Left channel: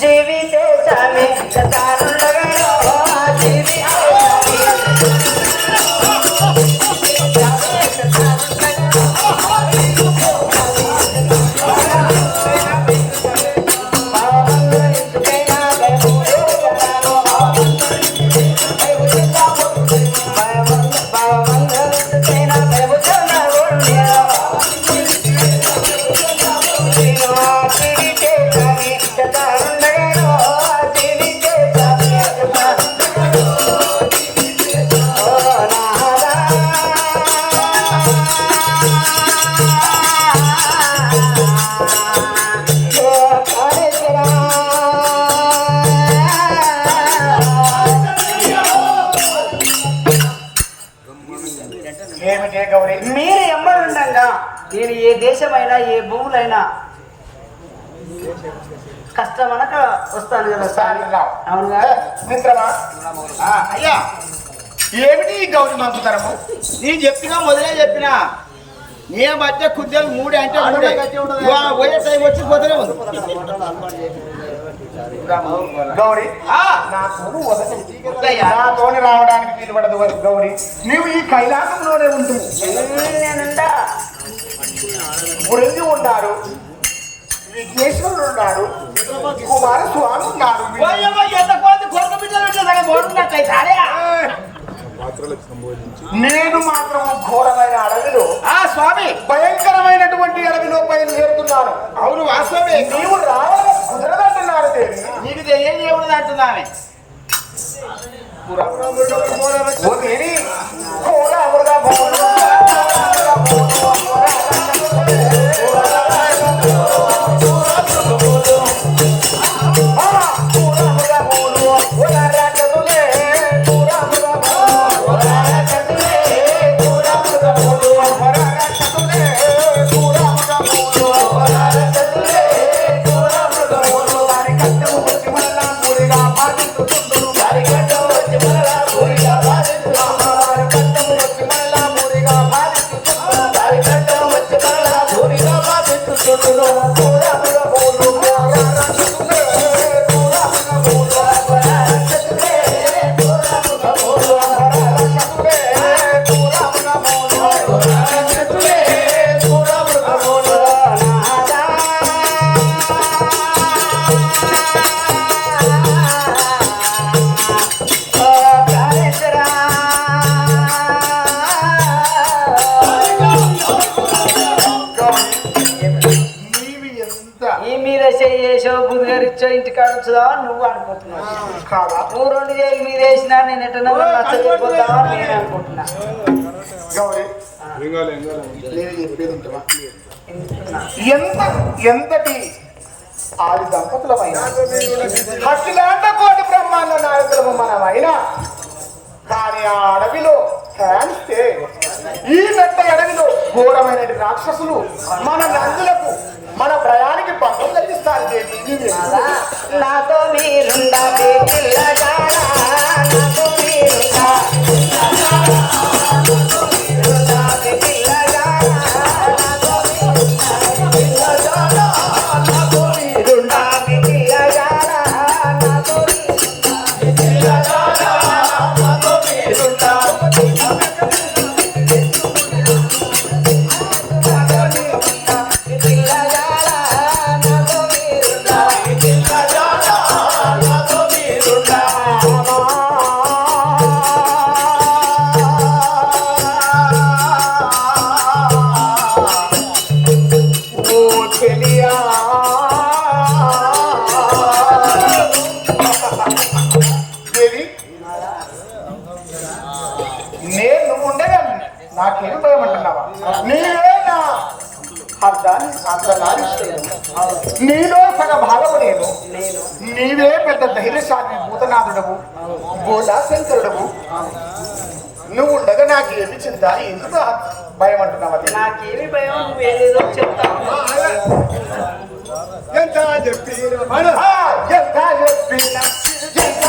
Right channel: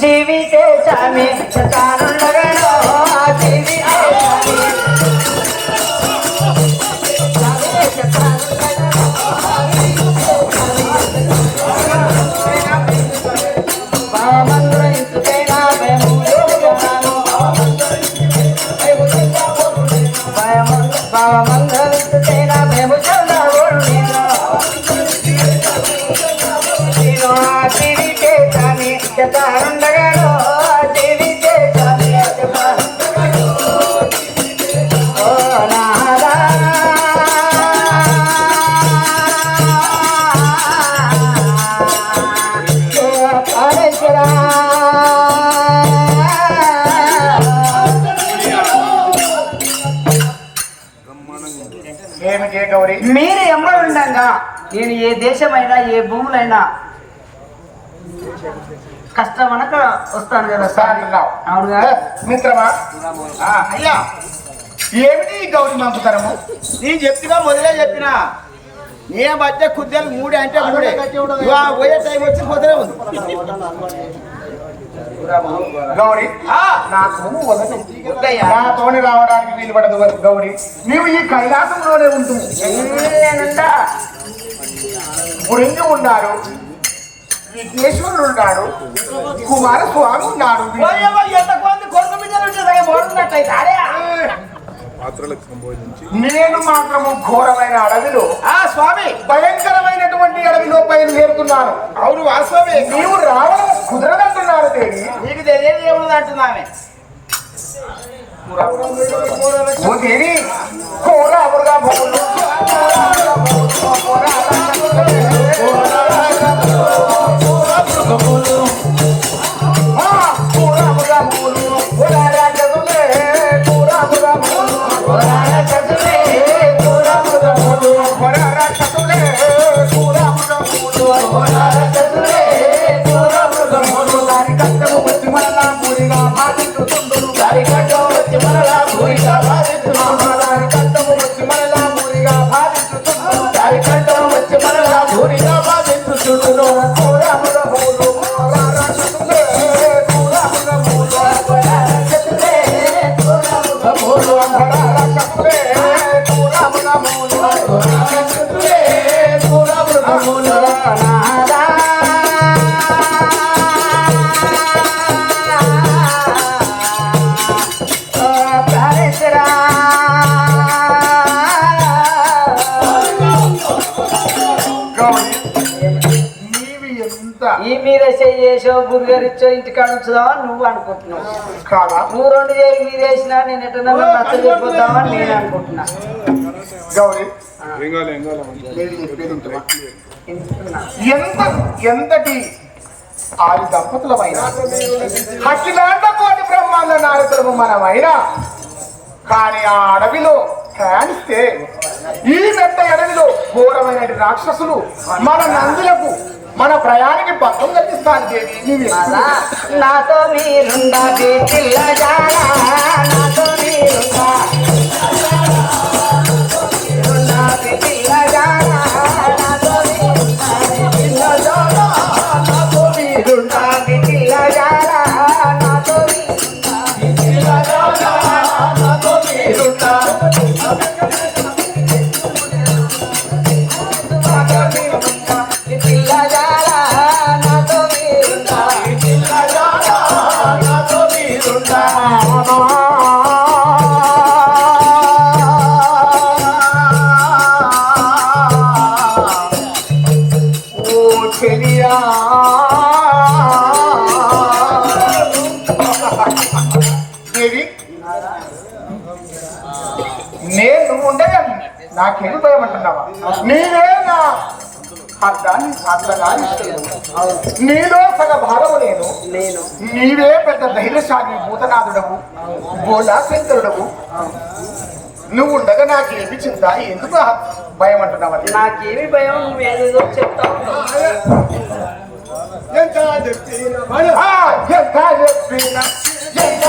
జీవితేశమే తానుండగడో దేశమైనా ఏ భూములైనా కష్టం అనక వస్తాను కదా సార్. సాయంత్రం అవునుగా మిత్రమా? ఆ, అయ్యా ఏమిటి ఈ గౌరీ మంకుతరము నీ చెప్పినా మొదలే చెప్పినా. నే మధ్య కుద్దలు మూడే అంటే మూడే. పోయే టైం వచ్చిపోతూనే ఉంది. గౌరీ ఆ, నాతోను రావడానికి వీలుపడదు గౌరీ. నీవు ఈ కైలాసంలోనే ఉంటూ బృంది ఉన్నారు విఘ్నేశ్వరుడు ఉన్నాడు కుమారస్వామి ఉన్నాడు నేను మాత్రము ఘోరమైన అడవిలో ఆ స్వామి! భయంకరమైనటువంటి అడవిలో బయలుదేరుతున్నాను అవును వాస్తవమే. నీవు రావడం కుదరదంటున్నారు దేవి నీకు తెలియదు ఏమున్నది అంటున్నామే. ఓ దేవి ఘోరముగా ఇంటికాడ వచ్చదా నువ్వు అనుకుంటున్నావు. కాదా? నువ్వు రెండు వేలు మీద వేసినా నేను ఎటన్నా నచ్చకపోతావా నేను అనుకుంటున్నా. ఎంత ఎంతటి ఆది దంపతులమైన అఖిలాండ కోటి బ్రహ్మాండ నారదము మనమైనా కానీ ఆ అడవిలో ధ్యానిస్తే ఈ నట్ట ఎడవిలో ఘోరమైన రాక్షసులు మన నందులకు మన ప్రయాణికి పక్కం కలిగిస్తారు దేవి. నాతో మీరుండా మీ దేవి నేను ఉండగా నాకేం భయం అంటున్నావా? నీవే నా అర్థాన్ని నీలో సగ భాగము నేను. నేను. నీవే పెద్ద ధైర్యశాలి భూతనాథుడవు భోలా శంకరుడవు నువ్వు ఉండగా నాకేమి చింత ఎందుకు ఆ భయం అంటున్నావు? నాకేమి భయం? నువ్వు ఏదేదో చెప్తావు ఎంత చెప్పినా మన ఆ, ఎంత చెప్పినా ఎంత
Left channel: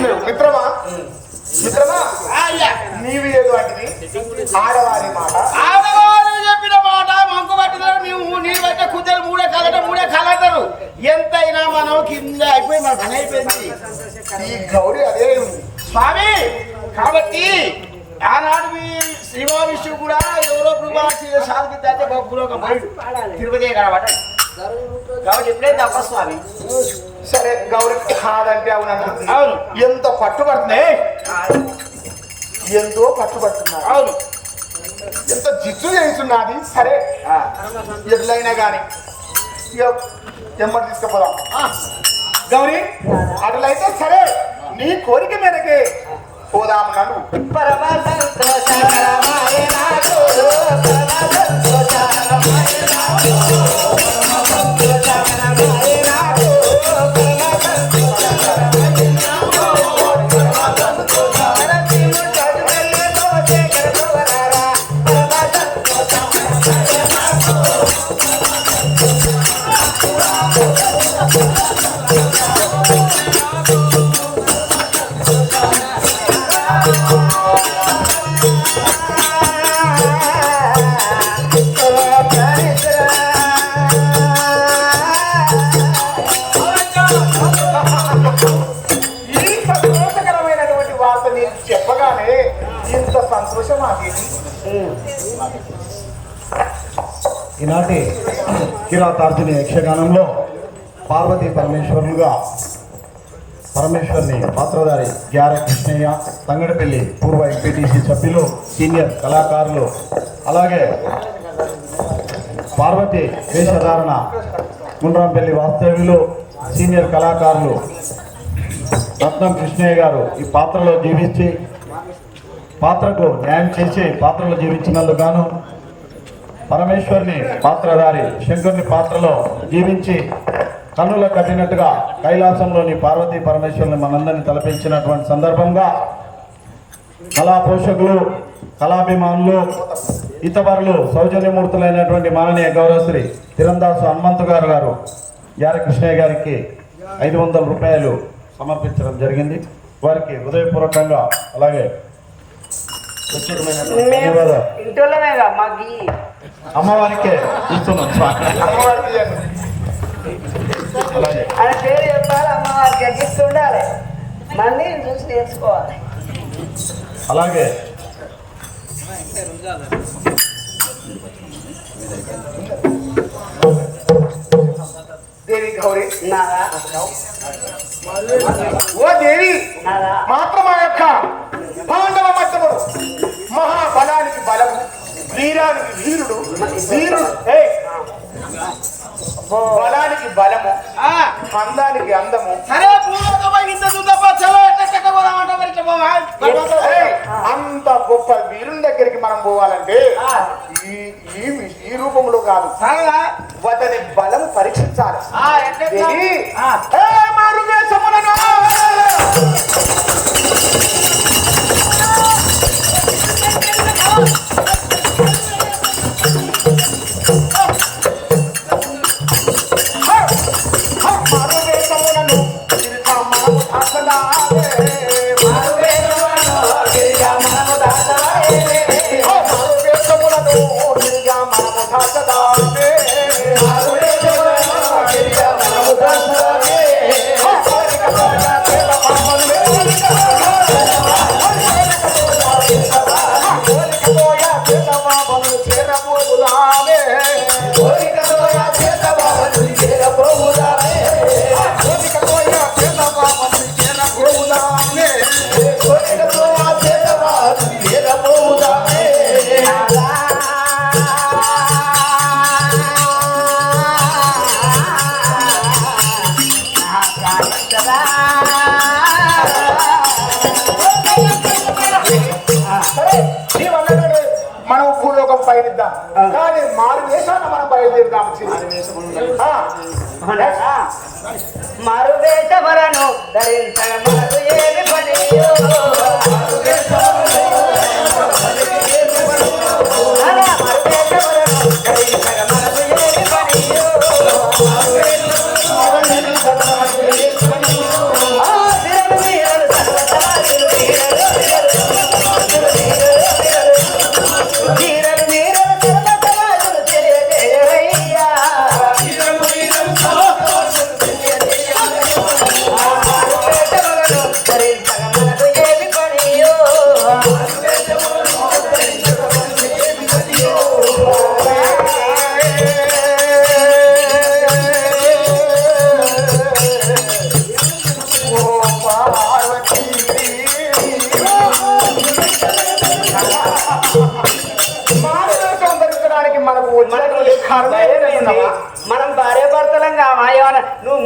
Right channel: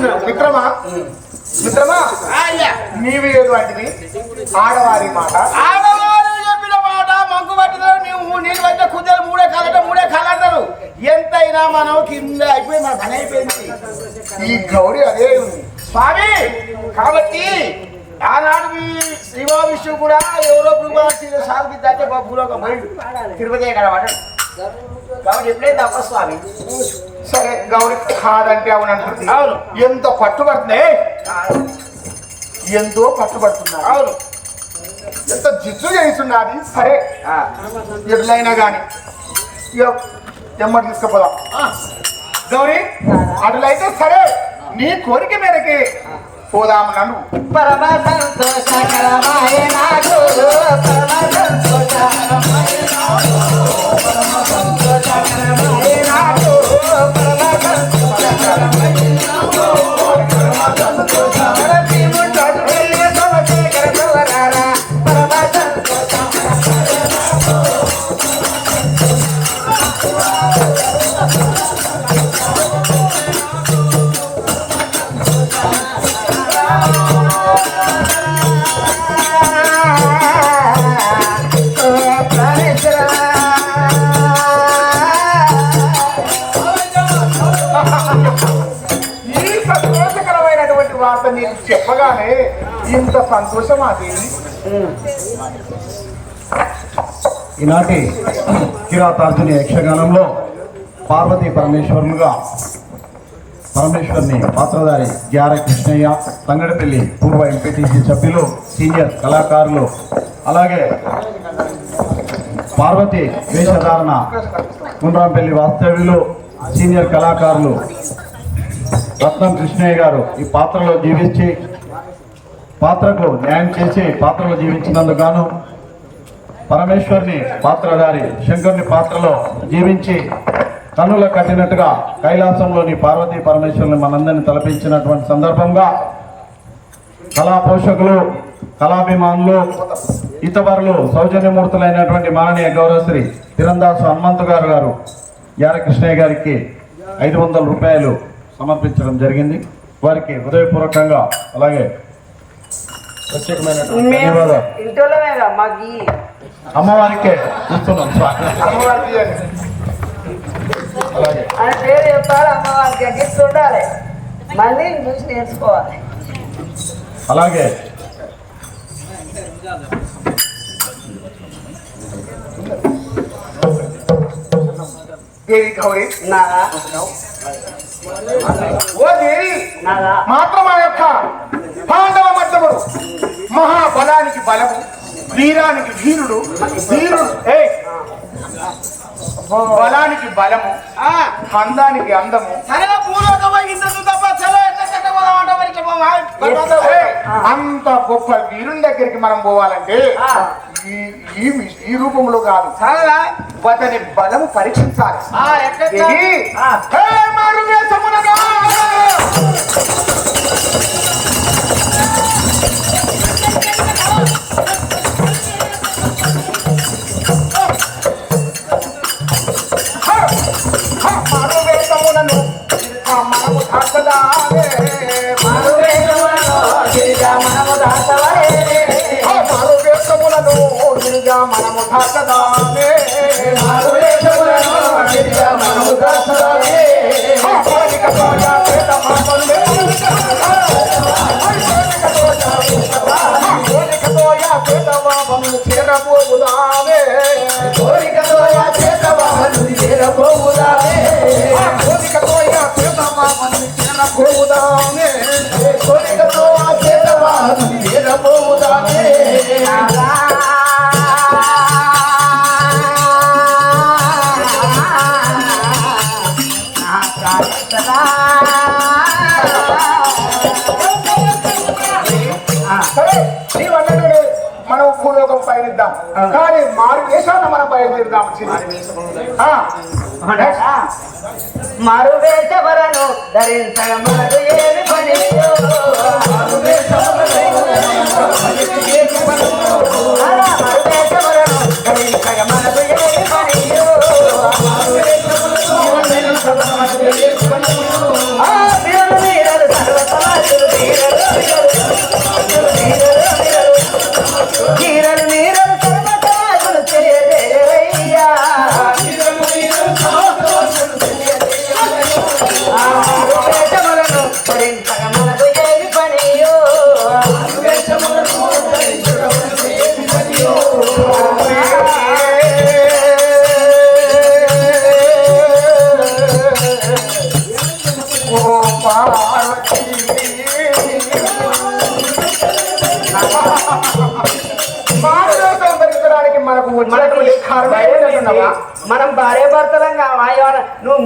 మిత్రమా నీవు ఆడవారి మాట. ఆడవాళ్ళు చెప్పిన మాట మంకు పట్టినారు నువ్వు నీళ్ళు పట్టిన కుద్దరు మూడే కాలట మూడే కాలంటారు. ఎంతైనా మనం కింద అయిపోయింది మన పని అయిపోయింది. ఈ గౌరి అదే స్వామి కాబట్టి ఆనాడు మీ శ్రీమా విష్ణు కూడా ఎవరో ప్రభావి సాధి దాటే పోయిండు. తిరుపతి కడబడ్డ కాబట్టి ఎప్పుడైతే సరే గౌరి కాదంటే అవును అంటుంది. అవును. ఎంత పట్టుబడుతున్నాయి ఎంతో పట్టుబడుతున్నా అవును. ఎంత జిచ్చు చేస్తున్నది సరే ఎట్లయినా గాని ఇక ఎమ్మటి తీసుకుపోదాం. గౌరీ అటులైతే సరే నీ కోరిక మేరకి పోదాము నన్ను. పరమ తర్వాత వార్త నీకు చెప్పగానే ఇంత సంతోషం మాకేది ఈనాటి కిరాతార్జుని యక్షగానంలో పార్వతీ పరమేశ్వరులుగా పరమేశ్వర్ని పాత్రధారి గ్యార కృష్ణయ్య తంగడిపల్లి పూర్వ ఎంపీటీసీ సభ్యులు సీనియర్ కళాకారులు అలాగే పార్వతి వేషధారణ గుండ్రంపల్లి వాస్తవ్యులు సీనియర్ కళాకారులు రత్నం కృష్ణయ్య గారు ఈ పాత్రలో జీవించి పాత్రకు న్యాయం చేసి పాత్రలో జీవించినందుకు గాను పరమేశ్వరుని పాత్రధారి శంకరుని పాత్రలో జీవించి కన్నుల కట్టినట్టుగా కైలాసంలోని పార్వతీ పరమేశ్వరుని మనందరినీ తలపించినటువంటి సందర్భంగా కళా పోషకులు కళాభిమానులు ఇతవరులు సౌజన్యమూర్తులైనటువంటి మాననీయ గౌరవశ్రీ తిరందాసు హనుమంతు గారు గారు యార కృష్ణయ్య గారికి ఐదు వందల రూపాయలు సమర్పించడం జరిగింది. వారికి హృదయపూర్వకంగా అలాగే అమ్మవారికే ఇస్తున్నాం. అలాగే. దేవి గౌరీ నాదా ఓ దేవి మాత్రం ఆ యొక్క పాండవ మధ్యముడు మహాబలానికి బలము వీరానికి వీరుడు వీరుడు ఏ బలానికి బలము ఆ, అందానికి అందము. ఇంత ఏయ్, అంత గొప్ప వీరుని దగ్గరికి మనం పోవాలంటే. ఈ రూపంలో కాదు? అతని బలము పరీక్షించాలి. పయనిద్దాం కానీ మారు వేషాన్ని మనం బయలుదేరుదాం. మరు వేషవరను ధరించగ మనకు ఏమి పనియో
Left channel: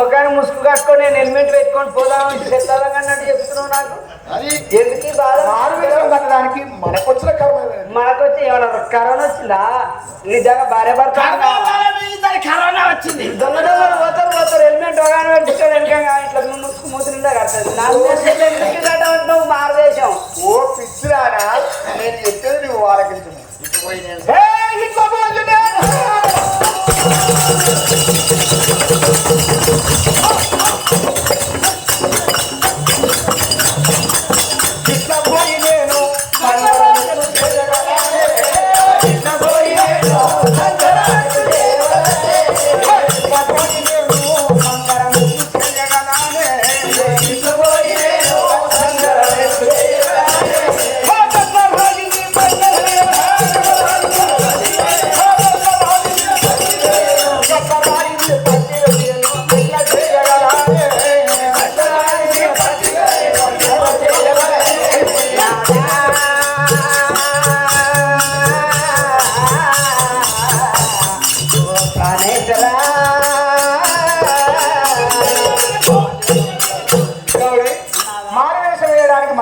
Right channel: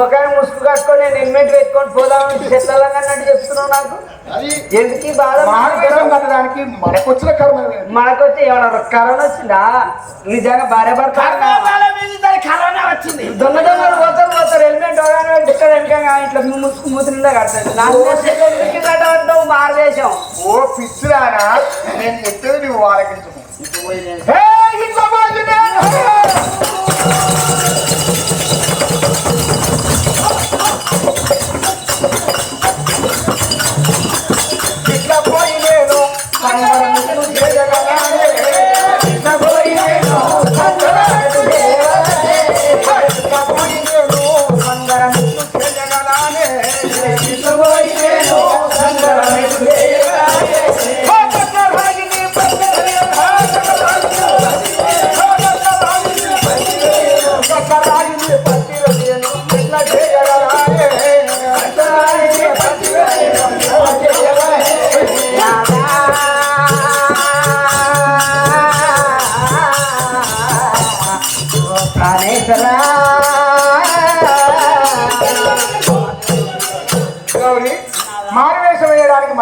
ముఖాన్ని ముసుగు కట్టుకొని నేను హెల్మెట్ పెట్టుకొని పోదాం చెత్తాలం అన్నట్టు చెప్తున్నావు నాకు. ఎందుకు ఈ బాధ? మానవేశం కట్టడానికి మనకొచ్చిన కర్మ ఏంటి? మనకొచ్చి ఏమన్నా కరోనా వచ్చిందా? నిజంగా భార్య భర్త కరోనా వచ్చింది. దొంగ దొంగలు పోతారు పోతారు. హెల్మెట్ పెట్టుకోడు వెనకంగా ఇట్లా ముసుగు మూతి నిండా ఎందుకు కట్టమంటావు భారతదేశం. ఓ పిచ్చిరానా నేను చెప్పేది నువ్వు ఆలకించు పోయి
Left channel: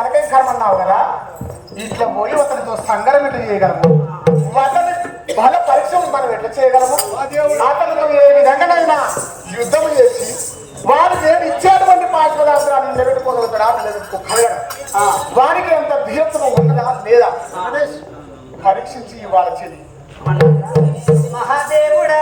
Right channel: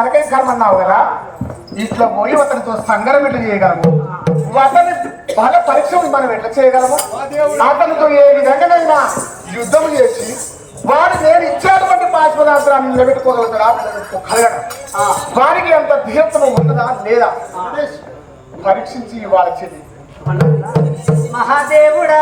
మనకేం కర్మ అన్నావు కదా? ఇట్లా పోయి అతనితో సంగరం ఎట్లా చేయగలము? అతని బల పరీక్షలు మనం ఎట్లా చేయగలము? అతనితో ఏ విధంగానైనా యుద్ధం చేసి వాడు నేను ఇచ్చేటువంటి పాఠ పదార్థాన్ని నిలబెట్టుకోగలుగుతాడా? నిలబెట్టుకోగలడా? వారికి అంత ధీరత్వం ఉన్నదా? లేదా? పరీక్షించి ఇవాళ చెల్లి మహాదేవుడా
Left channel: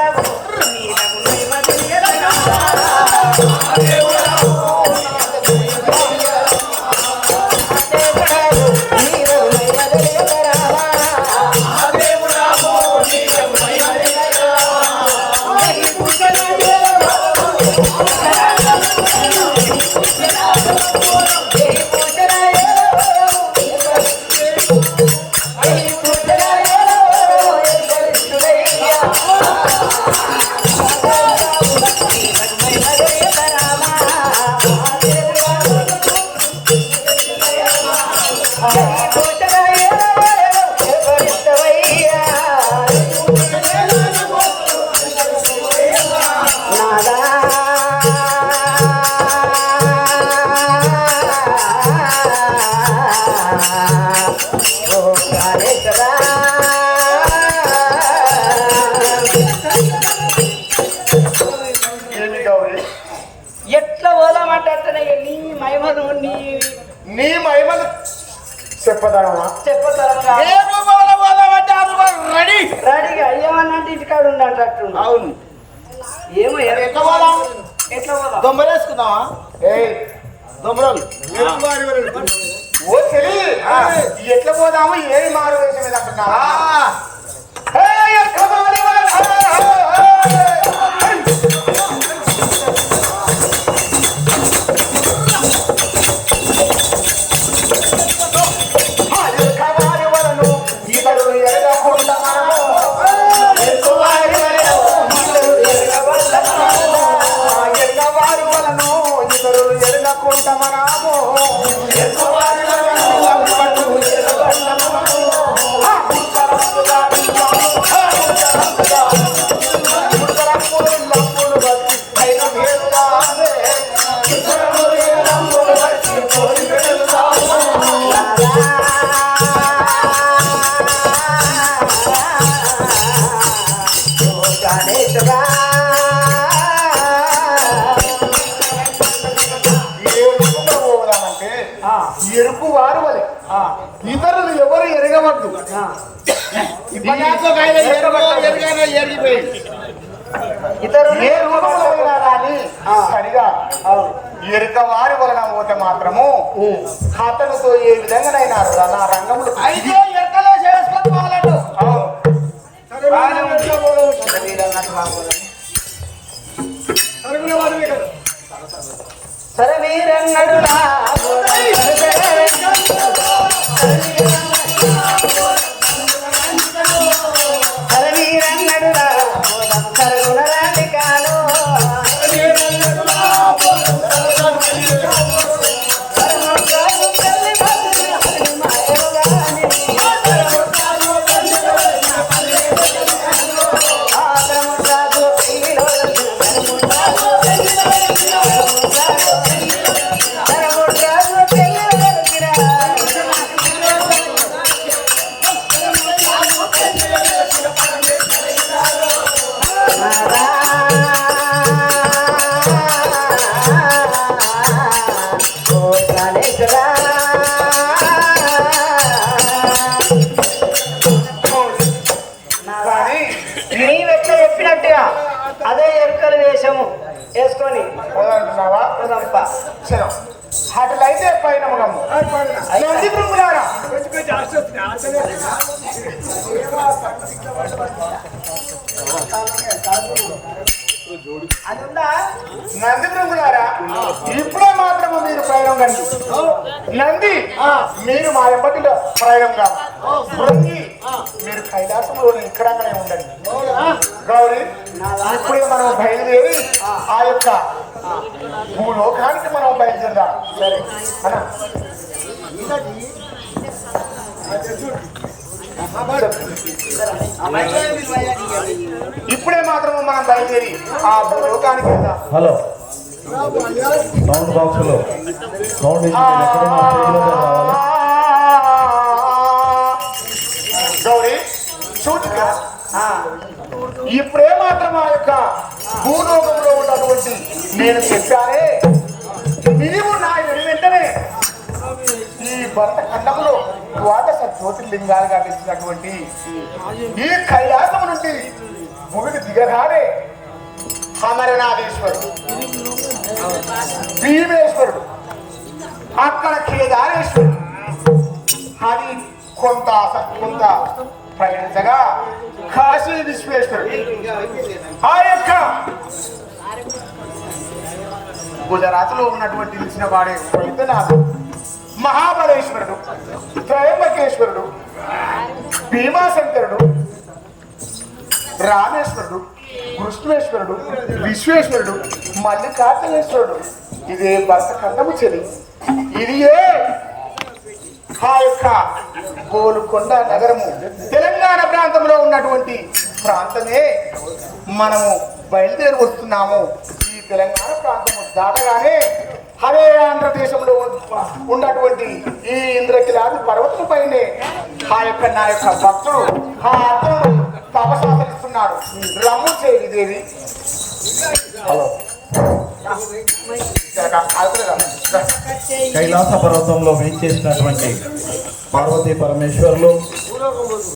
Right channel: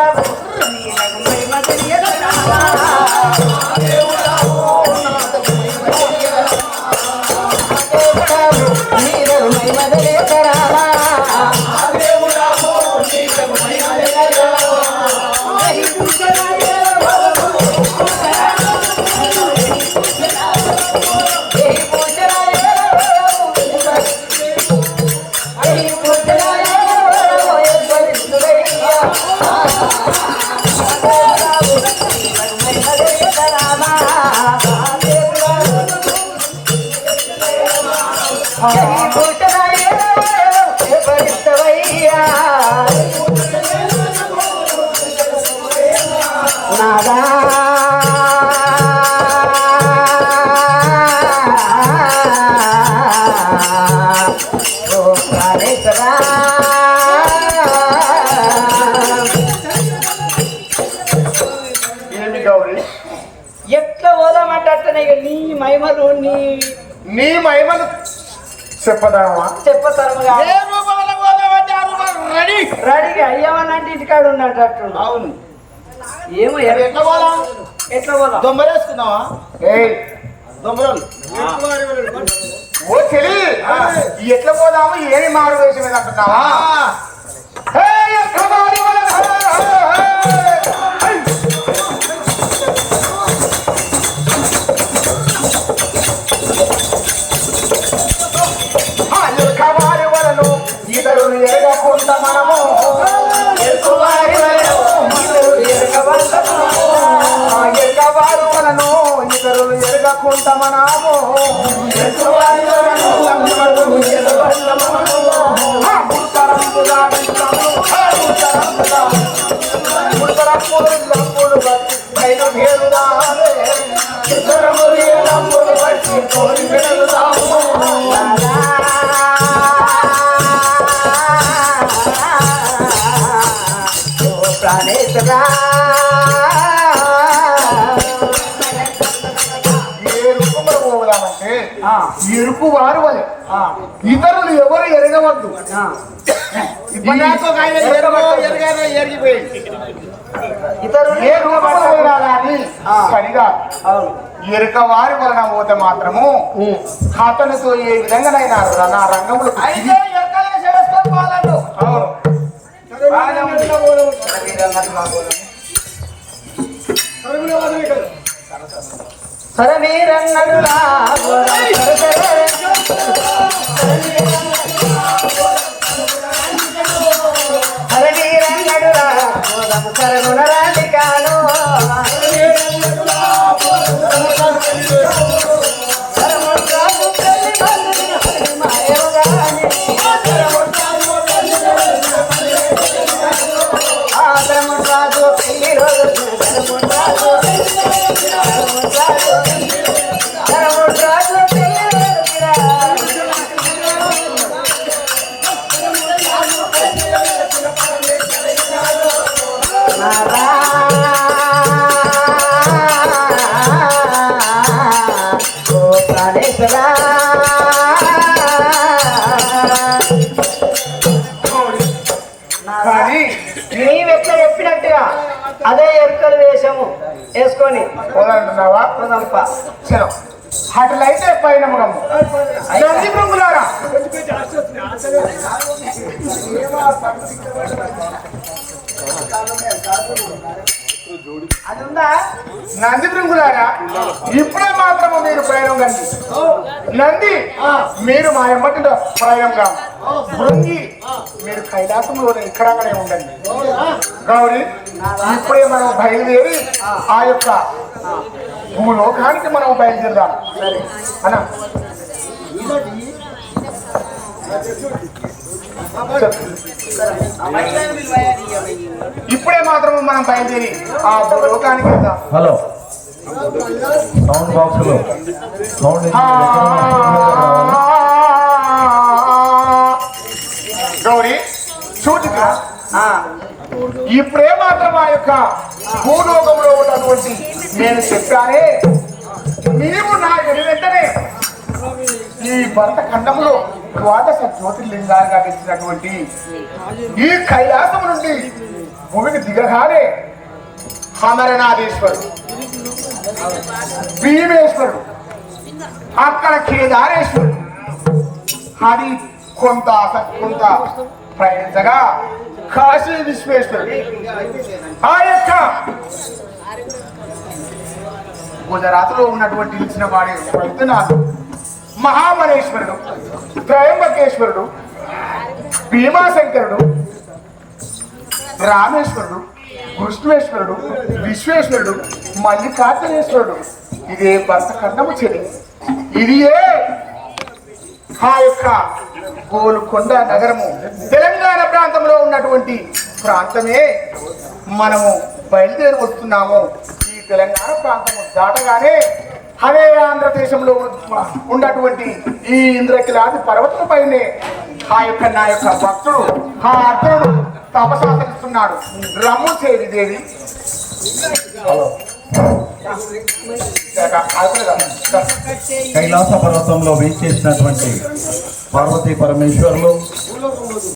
ఏ ఆ రూపంలో రెడీ. రెడీగా. అయ్యామన్నంటే ఇంటికాడ ఉండేటట్టు అవును. ఏమో ఎట్లా పోదాం? ఎట్లా పోదాం? దొమ్మరేసుకుందామా ఏయ్. దొమ్మరోలు ఎట్లా పోదాము? ఏమి మారు వేషం మీద అంటున్నావా? ఏ రూపంలో పోయినా కానీ సరిగా ఎరుక వారి వలన పోతే మాత్రము అతనితో ఏ విధంగానైనా నా రంగములు అయితే. సరే మీరంగడు సరే వేషము వేసుకొని పోదానంటున్నావా పోదాంపా. చలో అట్లయితే పైన మగము నంది నంది బృంగులారా ఇప్పుడే మాత్రము మీరు ప్రయాణం నంది నంది మీరు మా ఎమ్మటిలో ప్రయాణం కాదు. మీరు కైలాసంలో ఇక్కడగానే ఉండండి. గౌరీ ఇప్పుడే మనం బయలుదేరి ఆ. యొక్క భూలోకానికి మనం బయలుదేరదాం. అన్నా. ఇప్పుడే మాత్రం మనం బయలుదేరి ఆ లోకానికి వెళ్దాం. హలో. సౌండ్ బాక్స్లో. సౌండ్ గౌరీ చూడుగా ఇప్పుడే మాత్రం ఆ యొక్క భూలోకంలో ఉన్నటువంటి నేను చెప్పానే నీవు నా ఈ భర్త ఖండంలో ద్వాదశ జ్యోతిర్లింగాలుగా తెలిసినటువంటి ఈ కైలాసం నుండి భూమికి దిగగానే అమరనాథేశ్వరుడు భీమేశ్వరుడు అక్కడ కేదారేశ్వరుడు అది కొంత అస- కొంత ప్రయాణించగా కాశీ విశ్వేశ్వరుడు. ఆ యొక్క గుజరాత్లో ఉన్నటువంటి ఇచ్చిన వాడే వైద్యనాథుడు మహాబలేశ్వరుడు త్రయంబకేశ్వరుడు భీమాశంకరుడు రామేశ్వరుడు కృష్ణేశ్వరుడు విశ్వేశ్వరుడు మల్లికార్జునేశ్వరుడు. ఇదే భర్త కన్నము చెలి ఇది ఏ ఆ యొక్క గోలుకొండ నగరము. తెలంగాణ ప్రాంతంలో ఉన్నటువంటి ప్రాంతమే మనము బయలుదేరి వస్తున్నాము. ఈ తెలంగాణ ప్రాంతము దాటగానే అదే ఆంధ్రదేశంలో ఉన్నటువంటి ఈ ఇంద్రకిలాది పర్వతం పైనే ఆ యొక్క నా యొక్క భక్తుడు ఆ అర్జునుడు తపసాచరిస్తున్నాడు రమ్ము చేరి దేవి. కైలాస పర్వతంలో వేయించేసినటువంటి పార్వతీ పరమేశ్వరులు.